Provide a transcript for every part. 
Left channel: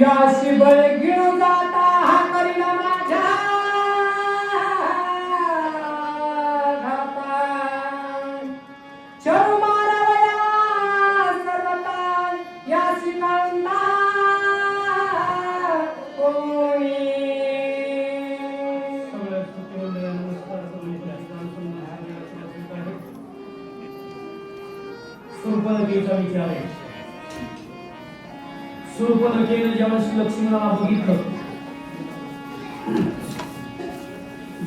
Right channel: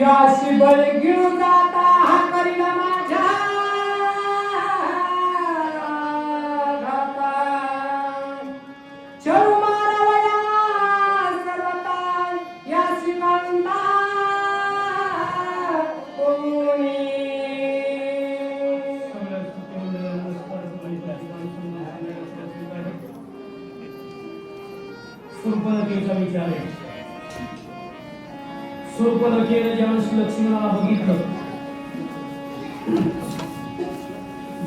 याशी बळ घेऊन जाता हा करीला माझ्या घाता चरू मानवया सर्वता याशी कांता कोणी सुरपणकेचा विचार आहे. सुरपणकेनं ज्यावेळेस लक्ष्मणाला बघितलं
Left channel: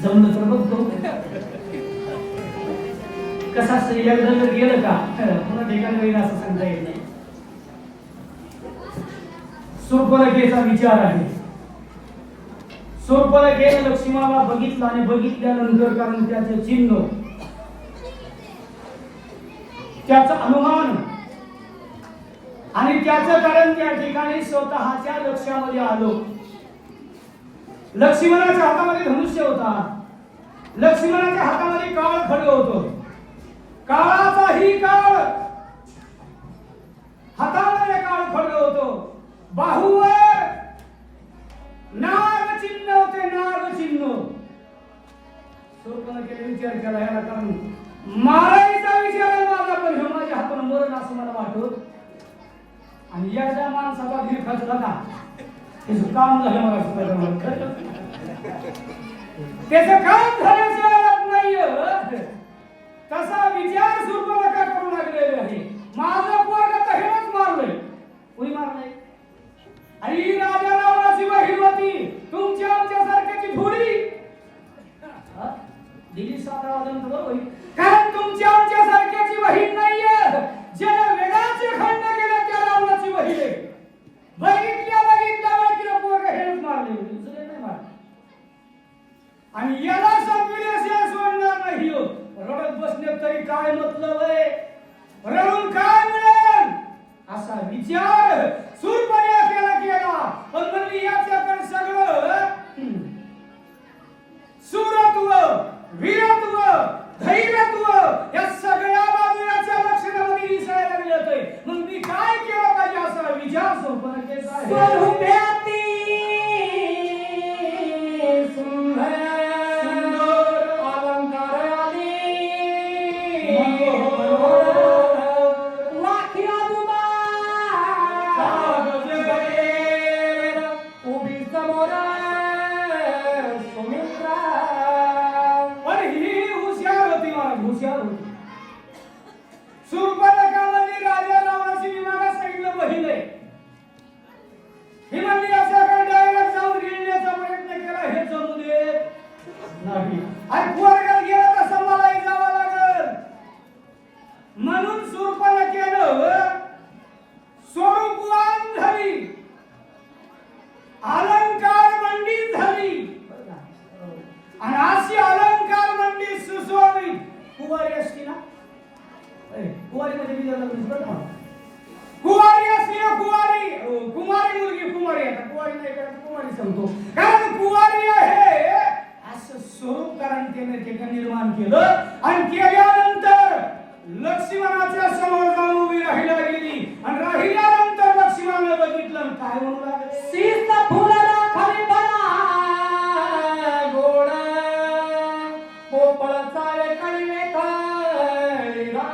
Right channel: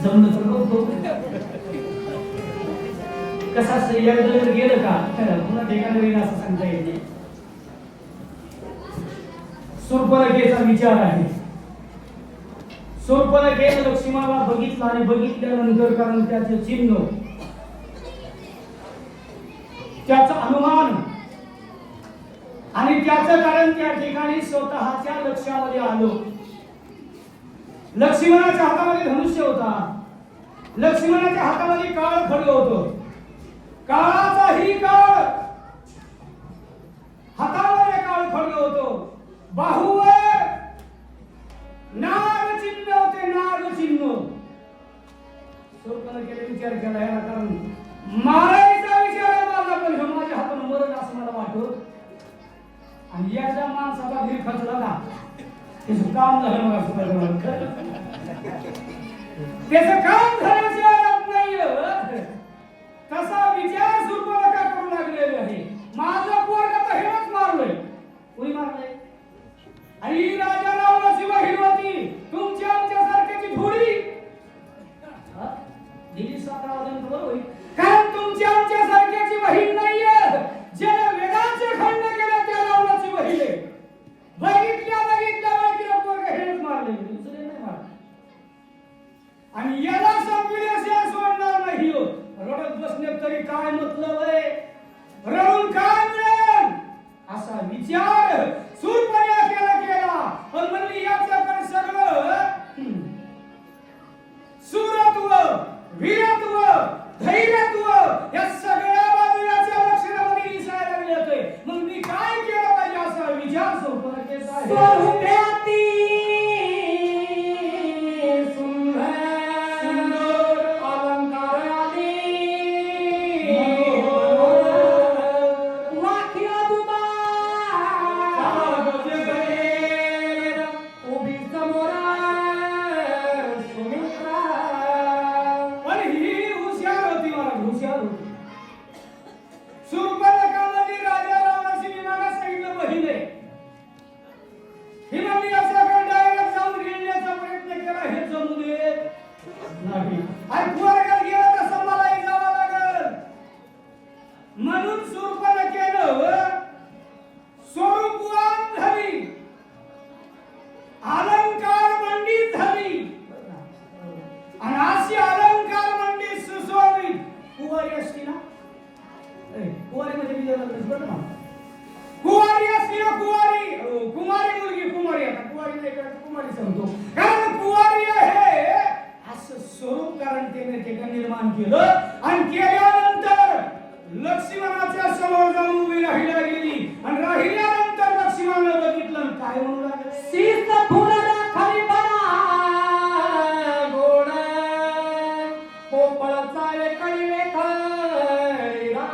जमलं तर बघतो कसं असतं एकदा जर गेलं का पुन्हा ठिकाणी होईल असं सांगता येत नाही. सुरपणकेचा विचार आहे. सुरपणकेनं लक्ष्मणाला बघितलं आणि बघितल्यानंतर कारण त्याचे चिन्ह त्याचा अनुमान आणि त्याचं कारण त्या ठिकाणी स्वतःच्या लक्षामध्ये आलो. लक्ष्मणाच्या हातामध्ये धनुष्य होता. लक्ष्मणाच्या हातामध्ये काळ खड्ग होतं. काळाचाही काळ हातामध्ये काळ खड्ग होतो. बाहुवर नाग चिन्ह होते. नाग चिन्ह सुरपणखेने विचार केला याला कारण मारायचा विचार माझा पण हे माझ्या हातून मरण असं मला वाटत. आणि एकदा माणसाचा धीर खचला ना त्याचं काम झालं मला सुद्धा त्याचं काम झाल्याशिवाय नाही. तसा विचार सुरपणखा करू लागलेला आहे. माझं पोरग तर हेच मारलंय. कोणी मारलंय? आणि राजा रावणाची बहीण होती तुमच्या आमच्या सारख्याची थोडी दिली 7 वाजता होईल कारण तुमच्या आमच्या सारख्याची बहीण नाहीये. ज्याला वेदाचे खंड केले त्या रावणाची बहीण आहे. बघितल्या पोरग हेच मारले दुसरे नाही मारले. आणि याला संपविल्याशिवाय सोडणार नाही. रडत बसण्यात तरी काय मतलब आहे? रडून काय मिळेल असा विचार सुरपणखेला केला. पण म्हणली याच्याकडे सगळं सुरत्व वीरत्व धैर्यत्व या सगळ्या बाजूच्या लक्षणामध्ये दिसायला मिळतंय. मग मी काय केलं पाहिजे असा विचार सुरपणखेचा आहे. स्वरूपाती सुरपणखामध्ये राजा रावणाची विमानात सांगितलं बहीण आहे. ही म्हणली असा डायरेक्ट जाऊन गिळण्याचा प्रयत्न केला हे जमू देत नाही. आणि पोरगात गेला तसं मलाही जावं लागल. म्हणून सुरपणखेनं स्वरूपवान झाली. अलंकार मंडित झाली. आणि अशी अलंकार मंडित सुशोभित कुवारी असती ना कुवारी मध्ये कुवारी असली ना कुमारी मुलगी कुमारी आता कुवारी नाही कुमारी सांगतो कारण कुवारी आहे असं स्वरूप कारण त्याने निर्माण केलं. आणि केल्यानंतर लक्ष्मणाच्या समोर जाऊन उभी राहिला गेली. आणि राहिल्यानंतर लक्ष्मणाने बघितलं काय म्हणू लागले सीत फुलला खाली पडा गोड पोपळाचा कळले खैरा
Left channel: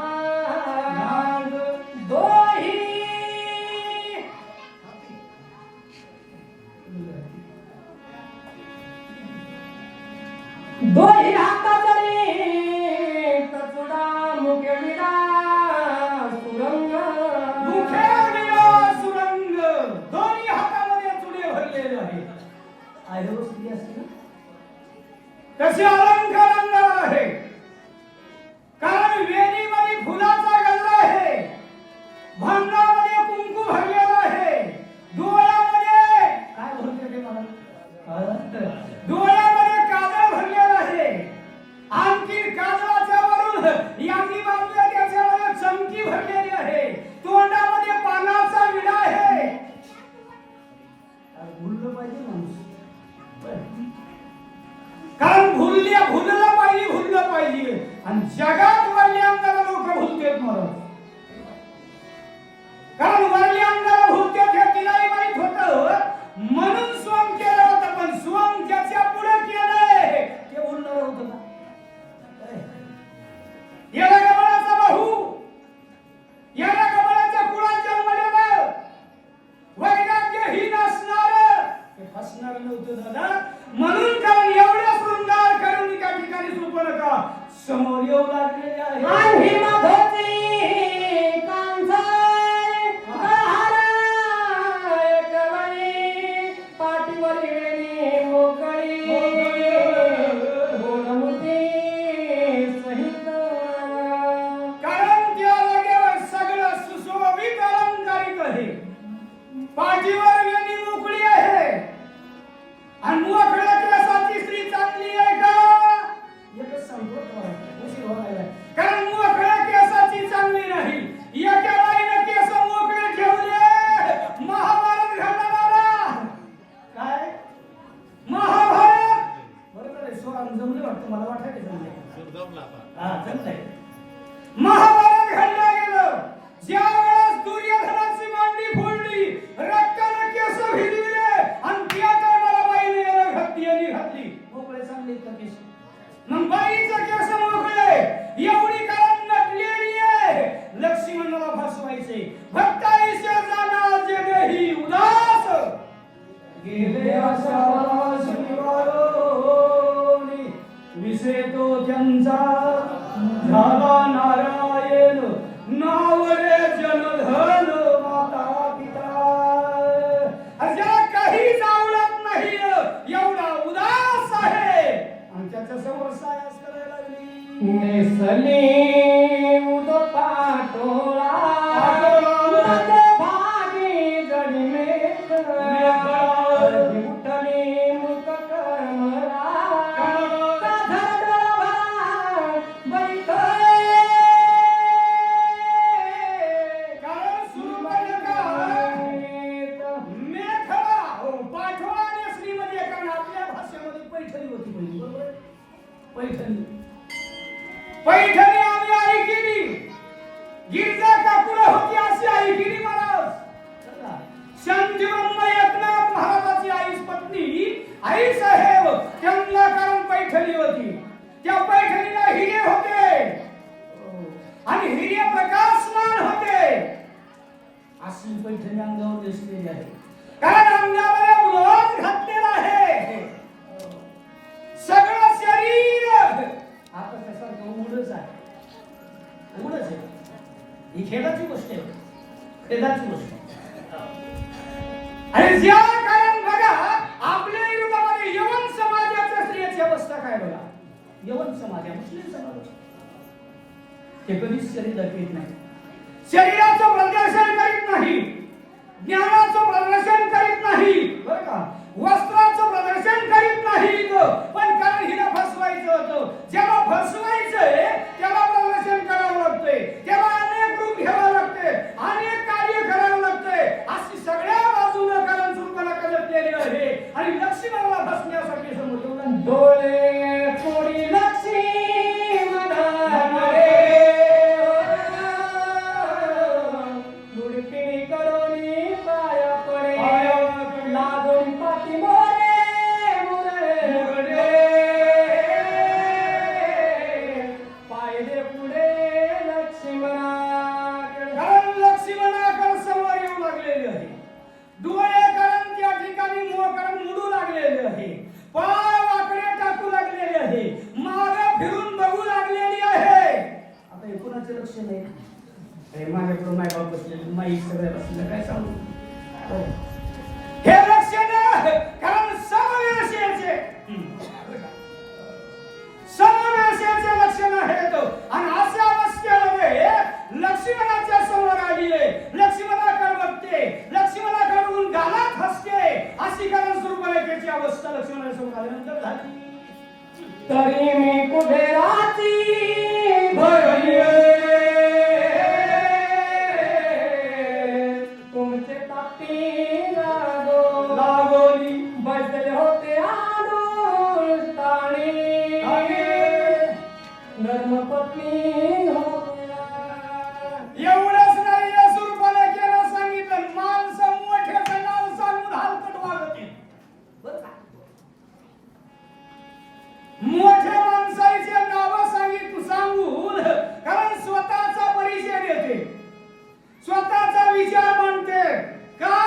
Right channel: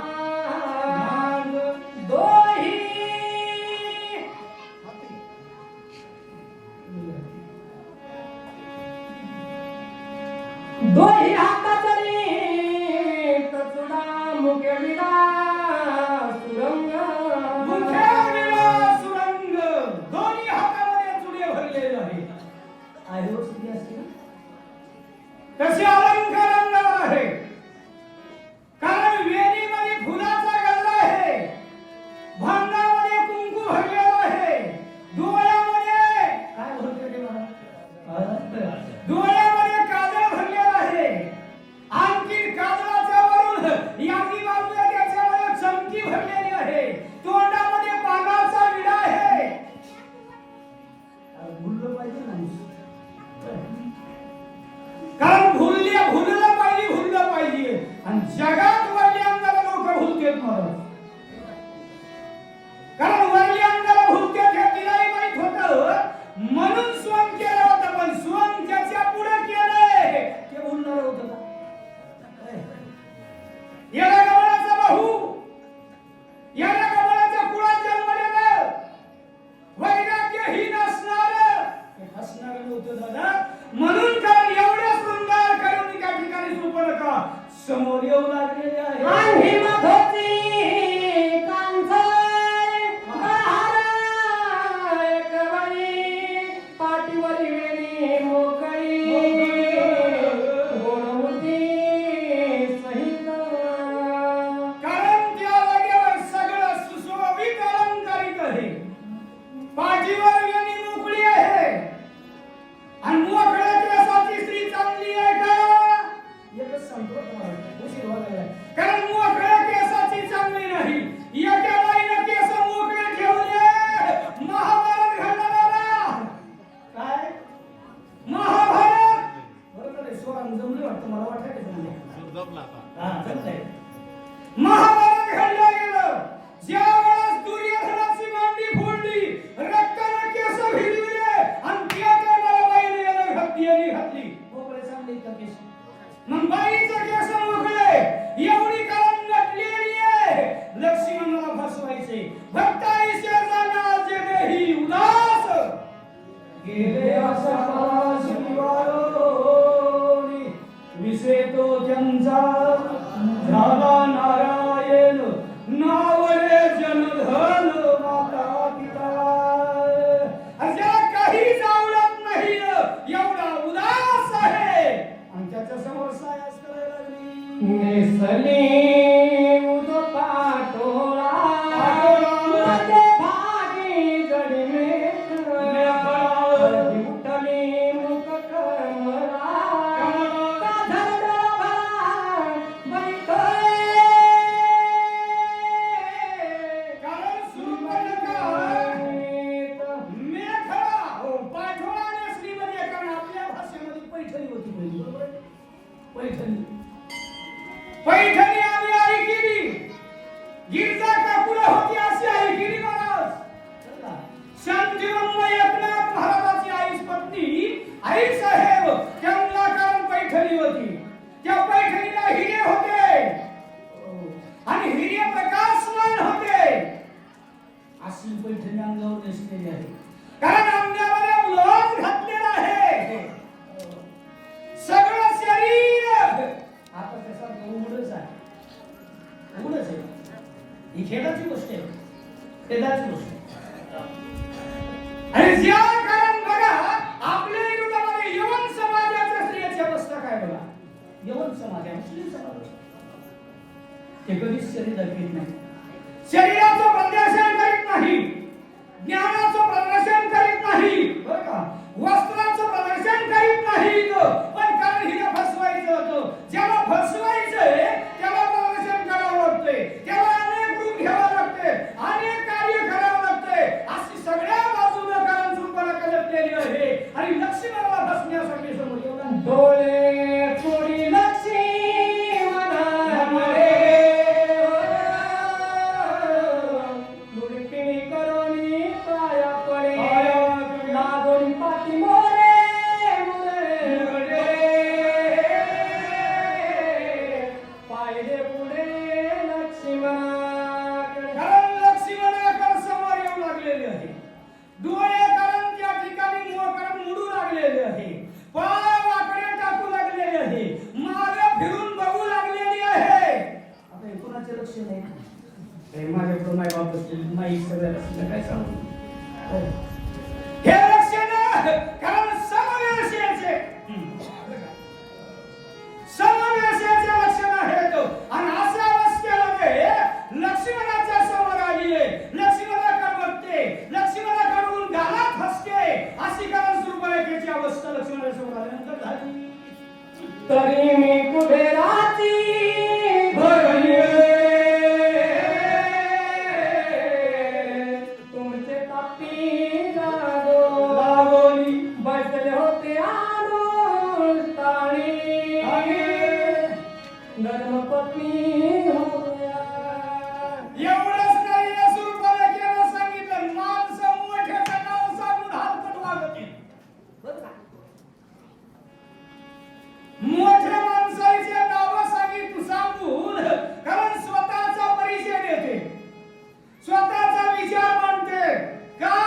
दोही हातातरी कचुडा मुखे विडा सुरंग सुरंग दोन्ही हातामध्ये चुडे नावरे जनधन माता पिता अशा काहीच आवडत नाही एवढा उदास आहे आणि त्याच्या समोर सायास करायला लागली नेसले उद पाटोळा उदे भागी जडी मेघना उठली मुख करमला साधर बैठे कारण सुरुवातीला मेघना पाठोळा नेसली म्हणजे कारण आपल्या भाषेमध्ये पैठणी होती बरोबर पैठणी पैठणी आम्ही आई केली गिरजा काकुला होती अशी आई केली महाराज शांतिवंत एकनाथ महाराजाची आईच पत्नी आई साहेब त्यांना कारण पैठणी होती त्या पैठणीला हिरे होते आणि हिरे प्रकाशमान होते अशी पैठणी अंगावर दिसलेली आहे कारण अंगामध्ये उलट घातलेला आहे सगळं शरीर आता त्यासारखं उघडच आहे उघडच आहे ही खेळाची गोष्ट आहे खेळाची गोष्ट आणि ज्या कारण बघा आपल्या विरोधामध्ये यवन समाजाच्या स्त्रियांची अवस्था काय बघा यवन समाज आहे मुस्लिम समाज ते कधीच शरीर दाखवत नाही शरीराचं प्रदर्शन करीत नाही ज्ञानाचं प्रदर्शन करीत नाही बरं का वस्त्राचं प्रदर्शन करीत नाही पण कारण हिला फसवायचं होतं ज्याला फसवायचंय त्याला प्रदर्शन करावं लागतंय त्याला अनेक रूप घ्यावं लागते अनेक कार्य करावं लागतंय अशी सगळ्या बाजूला कारण सुरुवात करतलेली आहे आणि लक्ष्मणाला फसण्यासाठी समोर येऊन डोळे चोरी लक्ष्मी मनामध्ये मुडकिनी करोनी पाया पडे लागोनी पाठी मोरे मुरे पायदे पुढे लक्ष्मणाकडे कारण लक्ष्मणाकडे समोर येऊ लागलेले आहे डोळे कारण त्या ठिकाणी मोहकरण मुडू लागलेले आहे पाय वाकडे टाकू लागलेले आहे मागे फिरून बघू लागलेली आहे आता हे कोणाचे लक्ष नाही माझ्याकडून माय बाप बसलेले माई सगळ्या बसले काय सांगू हे लक्ष नाही कारण समवेशेचे समवेशेचे लक्षण आहेत आणि अशा अवस्थेमध्ये लक्ष्मणाच्या समोर आली आहे लक्ष्मणाकडे बघते लक्ष्मणाकडून गालात हसते अशी कारण सुरुवातीची अवस्था लक्ष्मणाच्या समोर आल्यानंतर झाली तरी मी कुठे राहती भरली तुमचे तापी लागोली बसले होते आडून ताणी धर्मपत्नी होत्या एवढंच नाही या सुरुवातीला केलं सांगितलं माणसं मोठ्याचं नाव सांगून हलकट वागते बरं का मोठ्या माणसाचे नाव सांगून कारण स्वतःचा परिचय देते स्वतःचा विचार मांडते का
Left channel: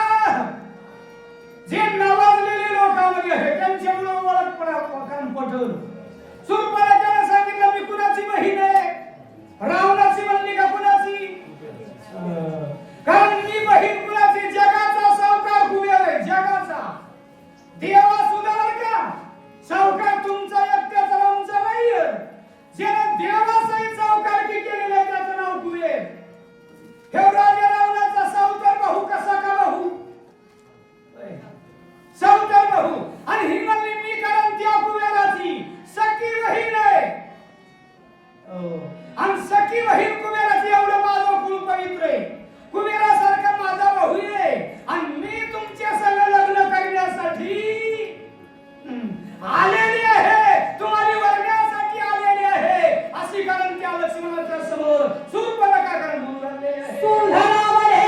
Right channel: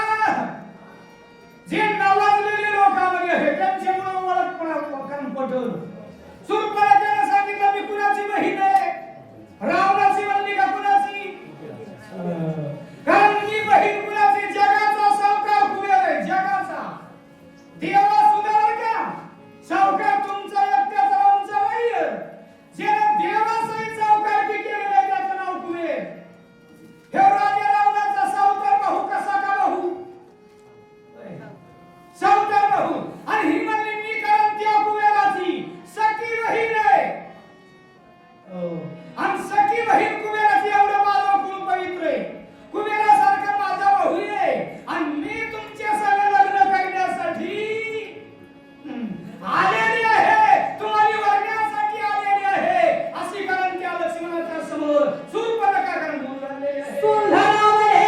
जे नावाजलेले लोकांमध्ये आहे त्यांच्यामुळे ओळखपणा पटवून सुरुवातीला सांगितलं मी कुणाची बहीण आहे रावणाची म्हणली का कुणाची कारण मी बहीण कुणाची जगाचा सावकार कुबेर आहे जगाचा देवा सुधार का सावकार तुमचा एकट्याचा आमचा नाही ज्याने देवाचाही सावकारकी केलेली आहे त्याचं नाव कुबेर हे राजा रावणाचा सावकार भाऊ कसा का भाऊ सावकार भाऊ आणि ही म्हणली मी कारण त्या कुबेराची सखी बहीण आहे आणि सखी बहीण कुबेराची एवढं माझं कुळ पवित्र आहे कुबेरासारखा माझा भाऊ आहे आणि मी तुमच्या संग लग्न करण्यासाठी आलेली आहे तुम्हाला वर्गासाठी आलेली आहे अशी कारण त्या लक्ष्मणाच्या समोर सुरपणका कारण बोलू लागले सुंदरावर हे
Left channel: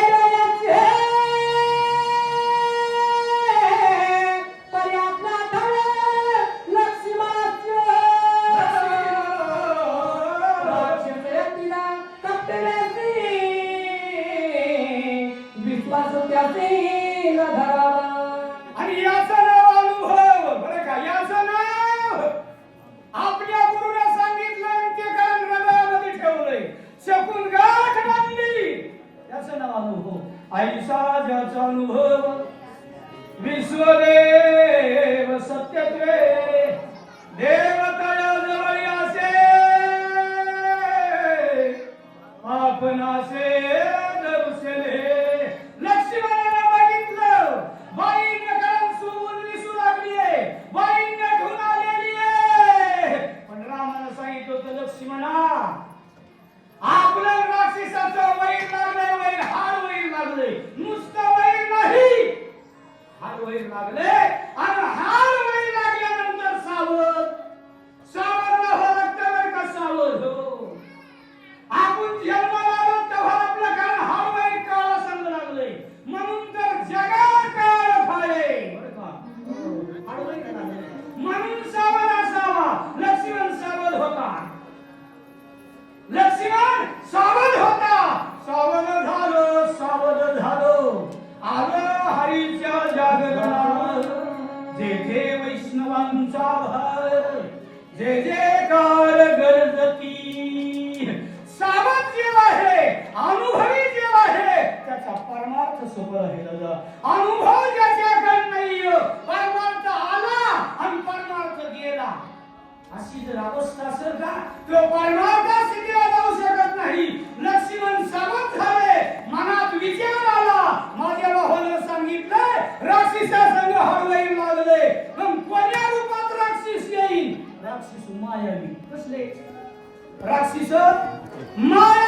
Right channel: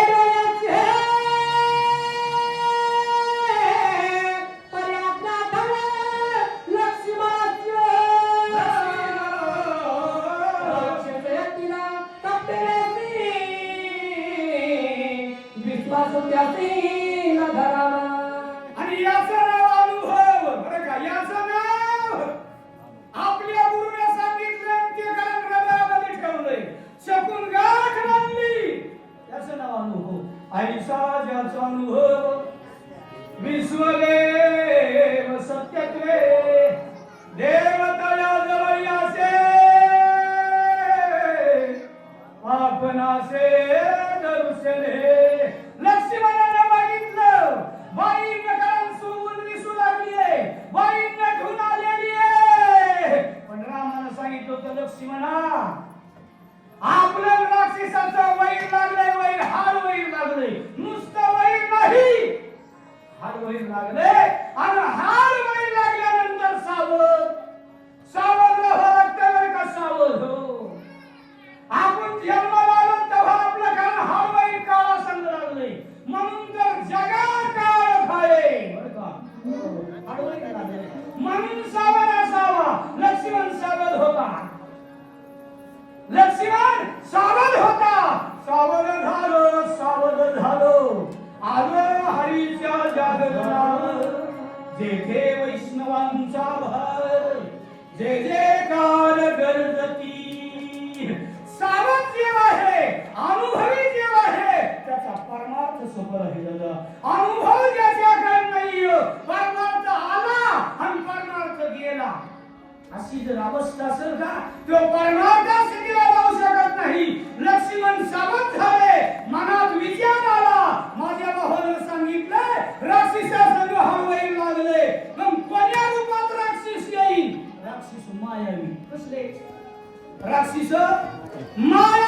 पर्यात्ना धळे लक्ष्मणाचे तिला कपलेसी विश्वास त्याचे न धरावा आणि याचं नाव अनुभव बरं का याचं नाव आपल्या गुरुने सांगितलं ते कारण हृदयामध्ये ठेवलंय शकून गाठ ऐसा ज्याचा अनुभव विश्वदेव सत्यत्वे देवताया जवळ असे आपणासे दर्शने. लक्ष्मणाने बघितलं बाईंकडून सोबून दिसू लागलीये, बाई नटून आलेली आहे. पण रामानं सांगितलं होतं लक्ष्मणा आपलं राक्षसाचं वैर लागलंय, वैर हाड वैर लागलंय, नुसतं वैर नाही हाड वैर लागलंय. आणि हाड वैर लागल्यानंतर सावध सावध राहावं लागतं बरं का, सावध हो. आपण जन्माला आलो तेव्हा आपल्या कान हाड वैर काळा संग लागलंय, म्हणून तर जगा काळ खाये बरं का, हाड वैर लागलंय म्हणून सावध असावा. लक्ष्मण सावध होता, लक्ष्मण सावध होता. सावध झालं, सावध झालं. आलं हरीच्या जागरणावर जेथे वैष्णवांचा भर, जे जे कार गरजती. सावध जे आहे, अनुभवी जे आहे, त्याचा परमार्थ सोपं राहिलेला. अनुभव ज्याच्याकडे नाही, परमार्थ आला आणि परमार्थ गेला, अशी जर अवस्था असेल का, तो परमार्थ सिद्धीला जाऊ शकत नाही. लक्ष्मण सावध झाले, मनात विचार आला, माझ्या भावानं सांगितलं राक्षसा संग हळवैर लागले, पण कोण्या रूपात राक्षस येईल? राक्षस मायावी. कसले राक्षस? माया